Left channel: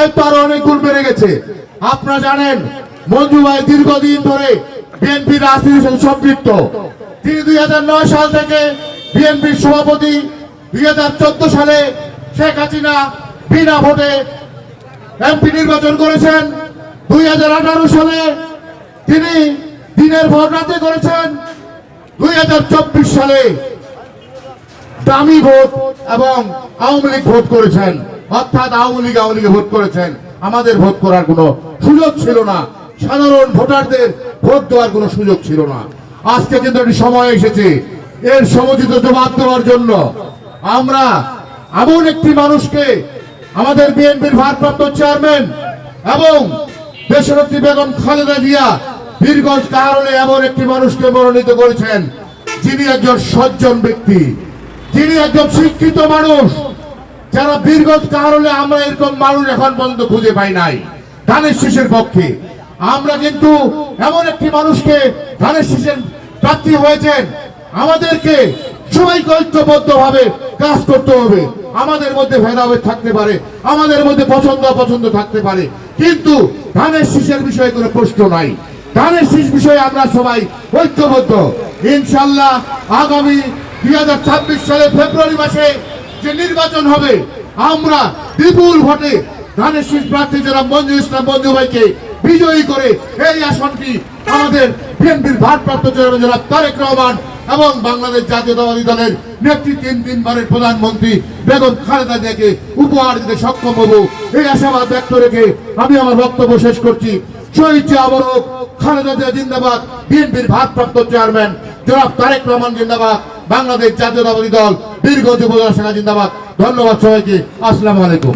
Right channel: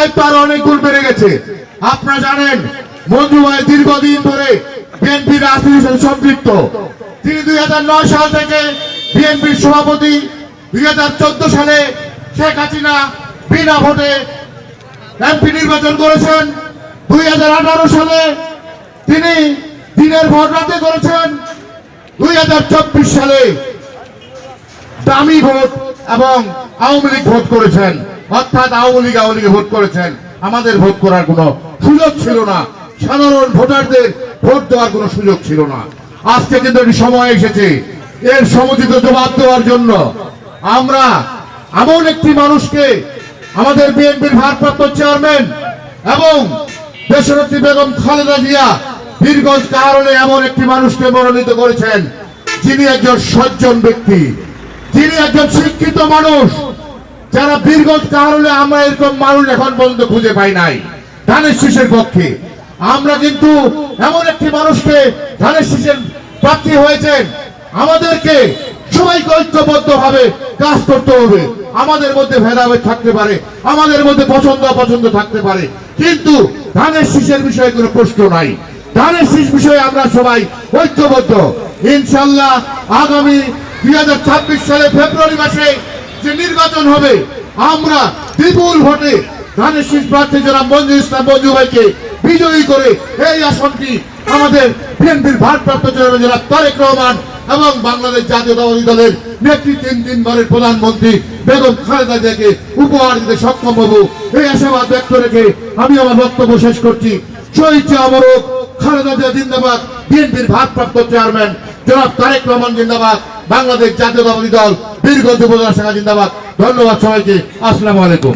দায়িত্ব আরও অনেক গুণ বেড়ে গেছে। আপনারা জানেন, মঞ্জু ভাই দীর্ঘদিন ধরে বিএনপি রাজনীতির সাথে সম্পৃক্ত। তিনি দুই সাল থেকে বিএনপির সভাপতি, দুই সালে শেখ হাসিনা বিনা ভোটে এমপি নির্বাচন করেছেন। দুই সালে তিনি দিনের ভোট রাতে করেছেন। দুই হাজার চব্বিশ সালে দামি ভোট এবং আওয়ামী লীগ ভোট করেছেন। অর্থাৎ আওয়ামী লীগ আওয়ামী লীগে ভোট করেছেন। আমাদের ভোট করার কোনো সুযোগ ছিল না। সাধারণ ভোটারদের ভোট দেওয়ার কোনো সুযোগ ছিল না। আজকে কিন্তু একটি সময় এসেছে। এর সমুচিত জবাব দেওয়ার জন্য আমরা এমন একটি মানুষকে আমাদের বিএনপির ভারপ্রাপ্ত চেয়ারম্যান এবং দেশনেত্রী বেগম খালেদা জিয়া বীরগঞ্জ কারণে এমন একটি মানুষকে মনোনীত করেছেন। যিনি একজন সজ্জন ব্যক্তি। যিনি একজন শিক্ষিত মানুষ। যারা বীরগঞ্জ কারণে আমরা এরকম মানুষ এখন পর্যন্ত খুঁজে পাই নাই। ধানের শীষের পক্ষে। আমরা কিন্তু এমন একটি মানুষকে ধানের শীষের প্রার্থী হয়েছেন। আমাদেরকে সবাইকে ঐক্যবদ্ধ ভাবে কাজ করতে হবে। আমাদের মধ্যে ভেদাভেদ থাকতে পারে, আমাদের মধ্যে পছন্দ অপছন্দ থাকতে পারে। কিন্তু ধানের শীষের বিষয়ে কোনো প্রশ্ন নাই। ধানের শীষ বিষয়ে আমরা সবাই ঐক্যবদ্ধ। ইনশাল্লাহ আগামী দুই হাজার ছাব্বিশ সালে ফেব্রুয়ারি মাসে যে নির্বাচন হবে, আমরা বিপুল ভোটে ধানের শীষ প্রার্থী যারা মঞ্জু ইসলাম মঞ্জু ভাইকে বিজয়ী করে এই আসনটি আমাদের বিএনপির ভারপ্রাপ্ত চেয়ারম্যান জনাব তারেক রহমান এবং বাংলাদেশ জাতীয়তাবাদী দলের নেত্রী তিন তিনবারের প্রধানমন্ত্রী বেগম খালেদা জিয়াকে উপহার দিতে সক্ষম হব। এই আশাবাদ ব্যক্ত রেখে আমি আমার বক্তব্য শেষ করছি। শহীদ আবরক খালেদা জিয়া জিন্দাবাদ, বিএনপির ভারপ্রাপ্ত চেয়ারম্যান জনাব তারেক রহমান জিন্দাবাদ। বাংলাদেশ জাতীয়তাবাদী দল দীর্ঘ যুব শাখা জিন্দাবাদ। ধন্যবাদ সবাইকে। আসসালামু আলাইকুম।